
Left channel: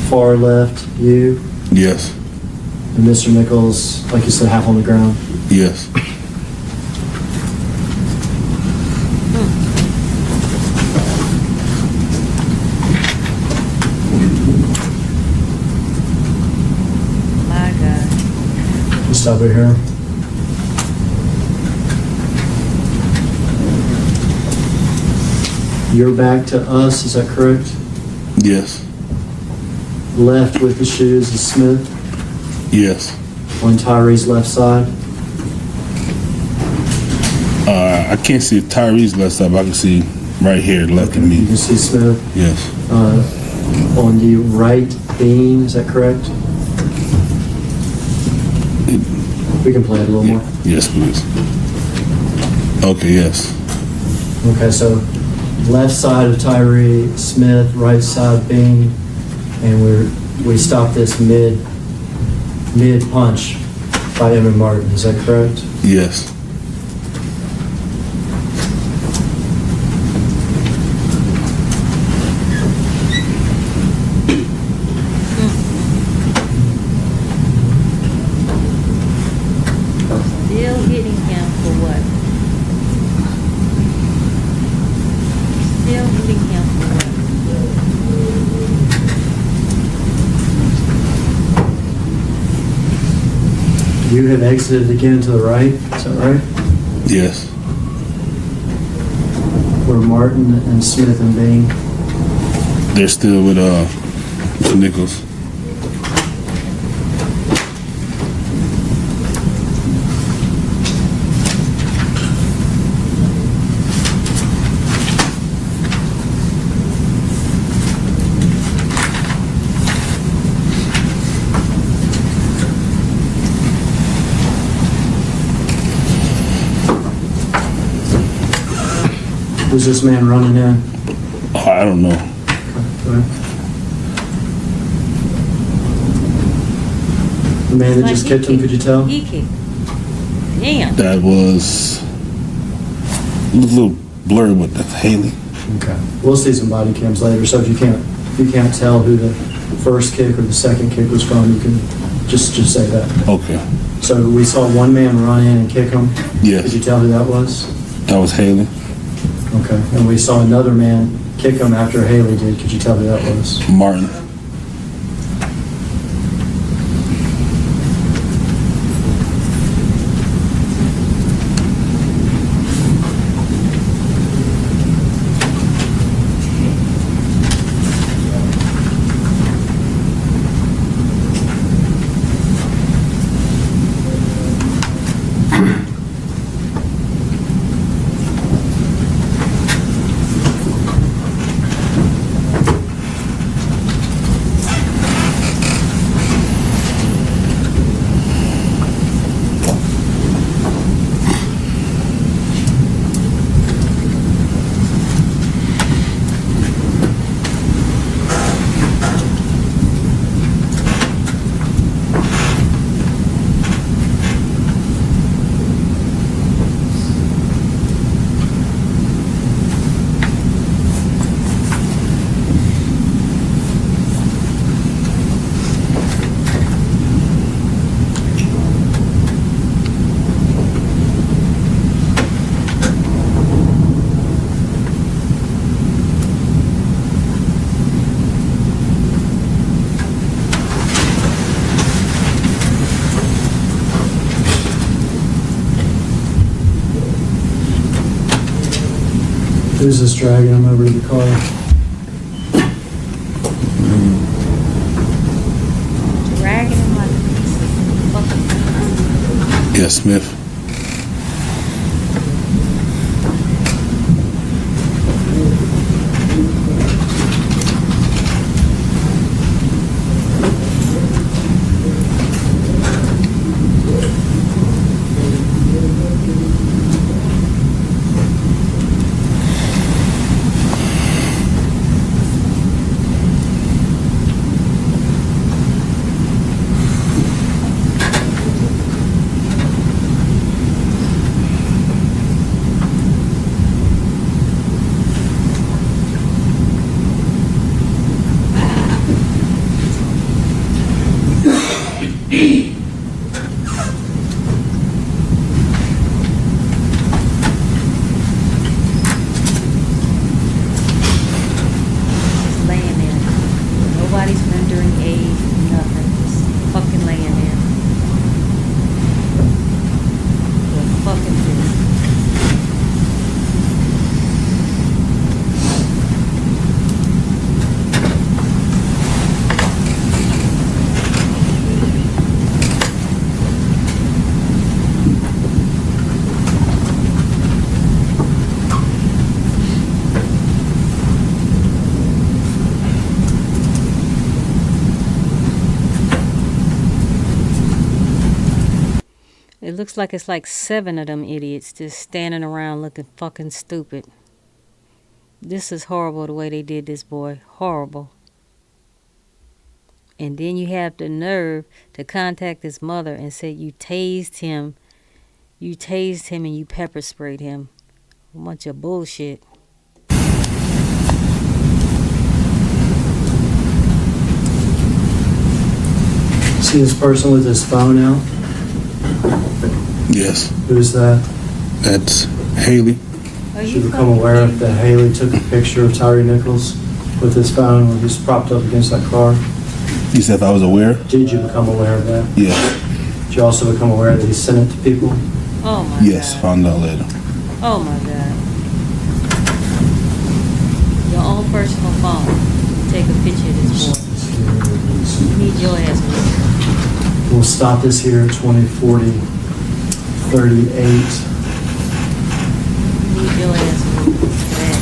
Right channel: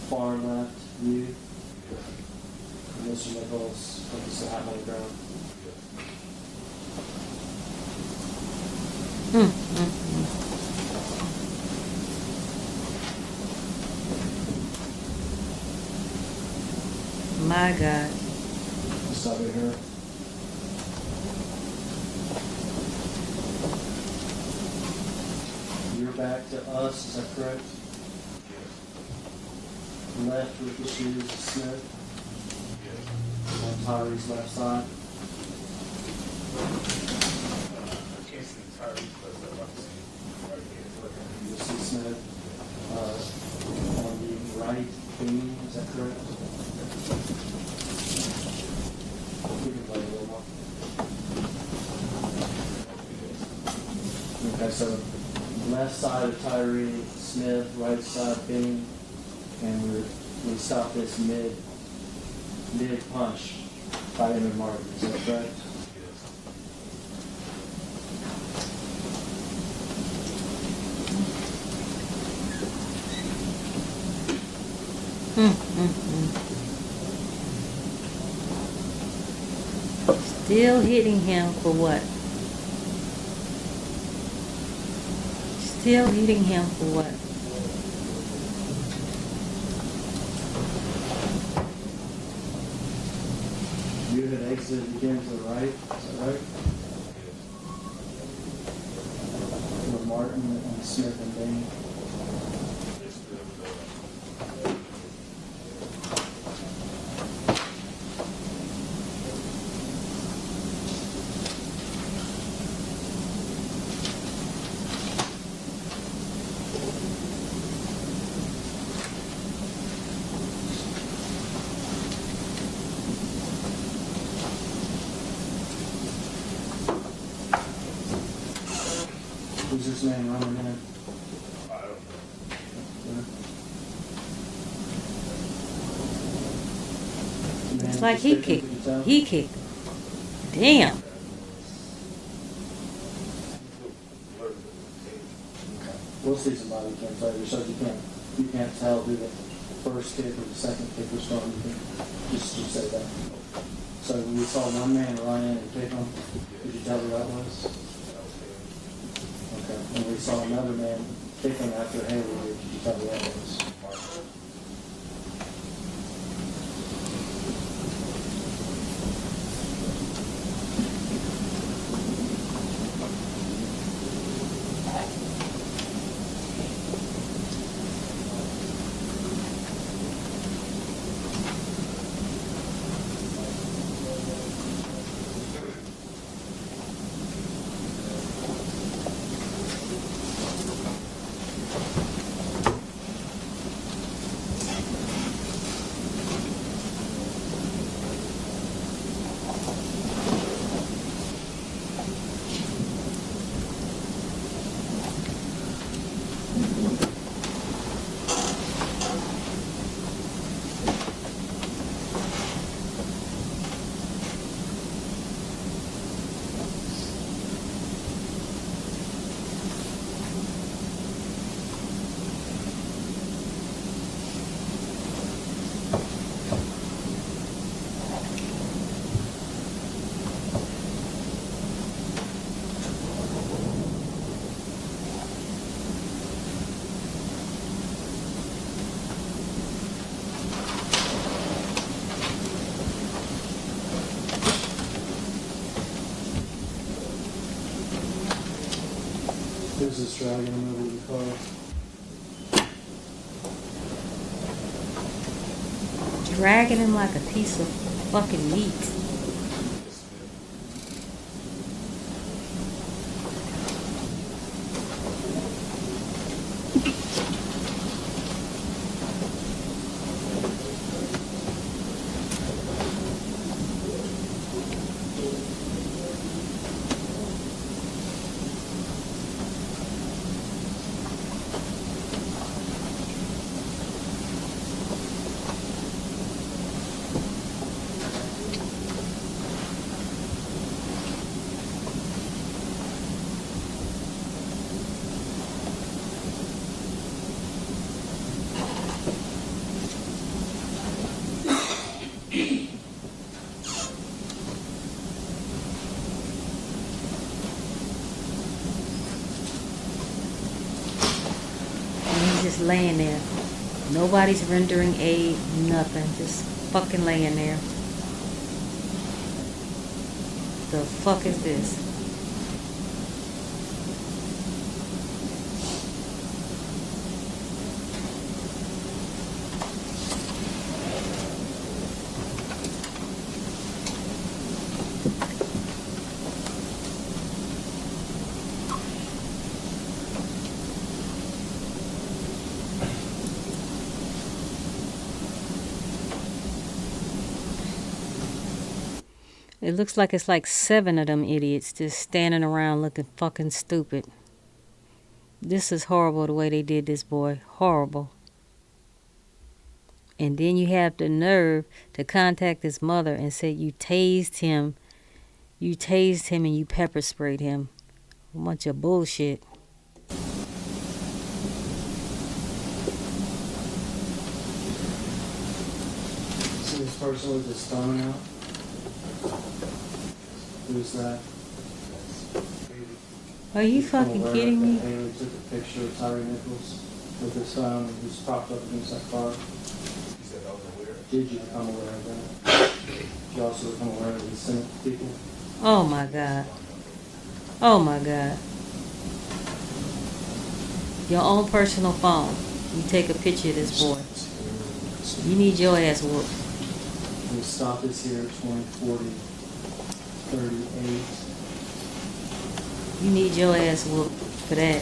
Far left, you. Yes. And Mr. Nichols, like you said, half on the ground. Yes. My God. You stop it here. You're back to us, is that correct? Yes. Left with the shoes is Smith. Yes. On Tyre's left side. I can't see if Tyree's left side, but I can see right here, left of You me. can see Smith. Yes. On the right, Bean, is that correct? We can play it a little more. Yes, please. Okay, yes. Okay, so left side of Tyre Smith, right side Bean, and we stop this mid punch by Emmett Martin. Is that correct? Yes. Still hitting him for what? Still hitting him for what? You have exited again to the right. Is that right? Yes. Where Martin and Smith and Bean. They're still with Mr. Nichols. Who's this man running in? I don't know. Okay. The man that Like just he kicked him, kicked. could you tell? He kicked. Damn. That was a little blurry with the Haley. Okay. We'll see some body cams later, so if you can't tell who the first kick or the second kick was from, you can just say that. Okay. So we saw one man run in and kick him. Yes. Could you tell who that was? That was Haley. Okay. And we saw another man kick him after Haley did. Could you tell who that was? Martin. Who's this dragging him over to the car? Dragging him like a piece of fucking meat. Yeah, Smith. Laying there. Nobody's rendering aid, nothing. Just fucking laying there. The fuck is this? It looks like it's like 7 of them idiots just standing around looking fucking stupid. This is horrible the way they did this boy. Horrible. And then you have the nerve to contact his mother and say you tased him. You tased him and you pepper sprayed him. A bunch of bullshit. See this person with his phone out? Yes. Who's that? That's Haley. Are Should you become fucking aware kidding that me? Haley took a picture of Tyre Nichols with his phone when he's propped up against that car. You said if I was aware? Did you become aware of that? Yes. Did you also become aware that he sent it to people? Oh my Yes, God. found out later. Oh my God. Your own personal phone. You take a picture of this boy. You need your ass whooped. We'll stop this here at 2040, 38. You need your ass whooped for that.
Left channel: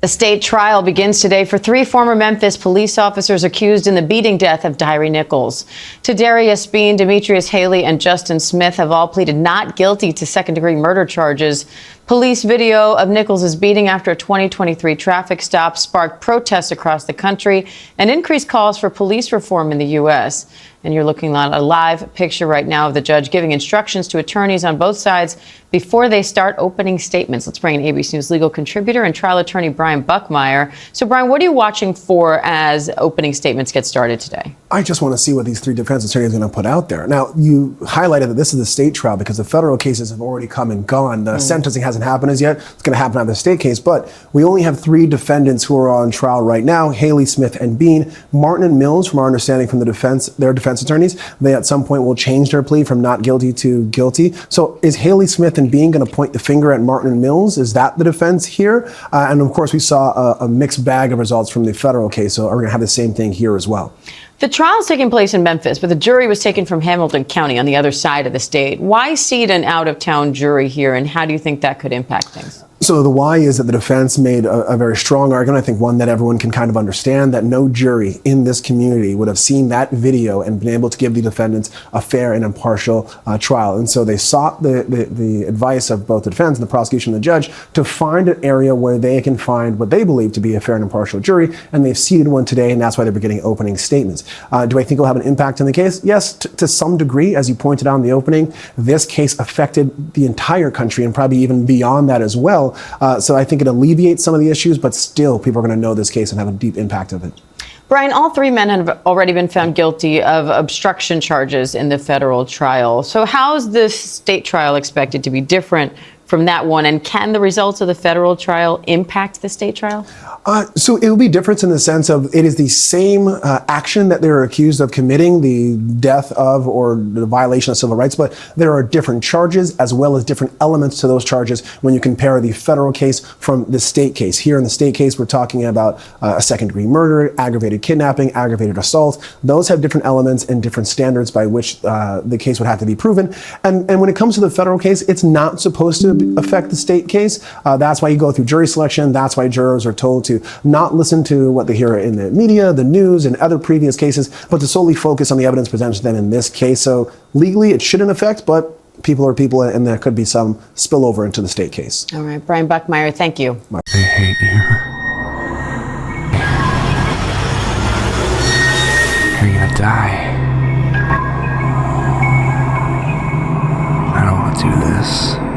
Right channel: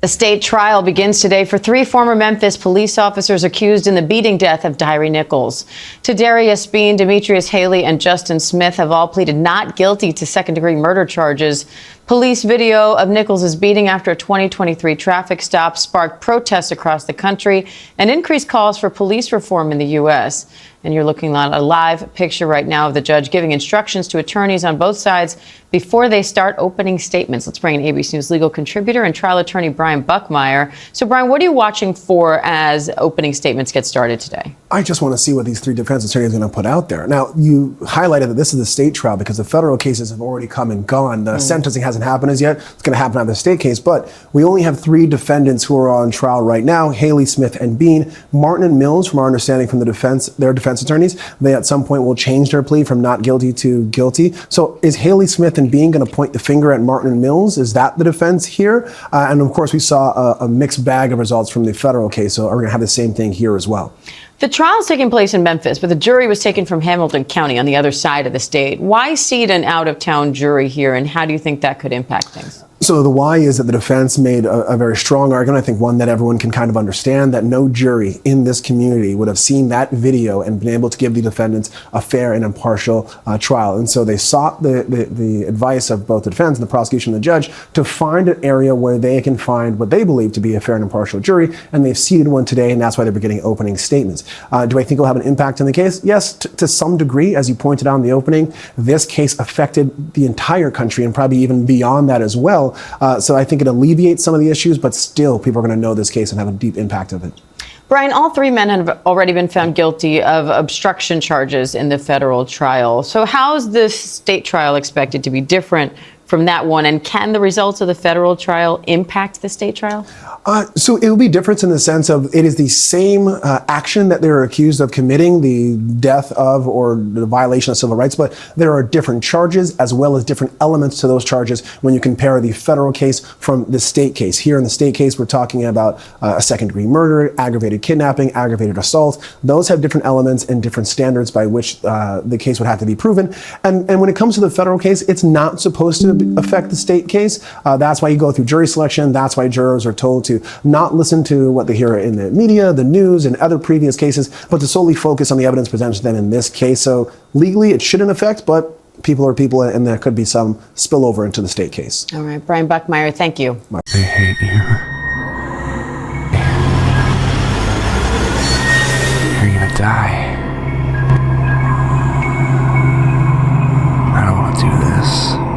A state trial begins today for 3 former Memphis police officers accused in the beating death of Tyre Nichols. Tadarius Bean, Demetrius Haley, and Justin Smith have all pleaded not guilty to second-degree murder charges. Police video of Nichols' beating after a 2023 traffic stop sparked protests across the country and increased calls for police reform in the U.S. And you're looking at a live picture right now of the judge giving instructions to attorneys on both sides before they start opening statements. Let's bring in ABC News legal contributor and trial attorney Brian Buckmeyer. So, Brian, what are you watching for as opening statements get started today? I just want to see what these 3 defense attorneys are going to put out there. Now, you highlighted that this is a state trial because the federal cases have already come and gone. The sentencing hasn't hasn't happened as yet. It's going to happen out of the state case, but we only have 3 defendants who are on trial right now, Haley, Smith, and Bean. Martin and Mills, from our understanding from their defense attorneys, they at some point will change their plea from not guilty to guilty. So is Haley, Smith, and Bean going to point the finger at Martin and Mills? Is that the defense here? And of course, we saw a mixed bag of results from the federal case, so are we going to have the same thing here as well? The trial's taking place in Memphis, but the jury was taken from Hamilton County on the other side of the state. Why seat an out-of-town jury here, and how do you think that could impact things? So the why is that the defense made a very strong argument, I think one that everyone can kind of understand, that no jury in this community would have seen that video and been able to give the defendants a fair and impartial trial. And so they sought the advice of both the defense and the prosecution and the judge to find an area where they can find what they believe to be a fair and impartial jury, and they've seated one today, and that's why they're beginning opening statements. Do I think it'll have an impact on the case? Yes, to some degree. As you pointed out in the opening, this case affected the entire country and probably even beyond that as well. So I think it alleviates some of the issues, but still people are going to know this case and have a deep impact of it. Brian, all 3 men have already been found guilty of obstruction charges in the federal trial. So how is this state trial expected to be different from that one? And can the results of the federal trial impact the state trial? So it will be different in the sense of it is the same action that they're accused of committing, the death of or the violation of civil rights, but there are different charges as well as different elements to those charges when you compare the federal case from the state case. Here in the state case, we're talking about a second-degree murder, aggravated kidnapping, aggravated assault. Those have different elements and different standards by which the case would have to be proven. And when it comes to the federal case, it's not supposed to affect the state case. That's why you go through jury selection. That's why jurors are told to not listen to what they hear in the media, the news, and other previous cases, but to solely focus on the evidence presented to them in this case. So legally, it shouldn't affect, but people are people, and there could be some spillover into the state case. All right, Brian Buckmeyer, thank you. They hate you. You're gonna die. I don't want to do this.